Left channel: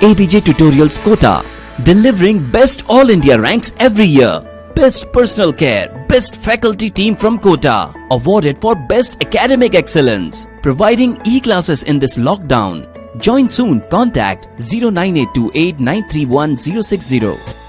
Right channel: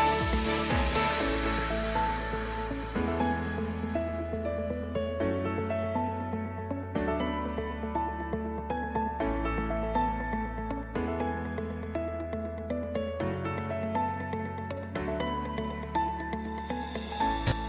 ABJ Tutorials Kota, delivering best All India ranks every year. Best Personal Care, Best Faculty Team from Kota, awarded for Best Academic Excellence, providing e-classes in this lockdown. Join soon. Contact 09828 931 060.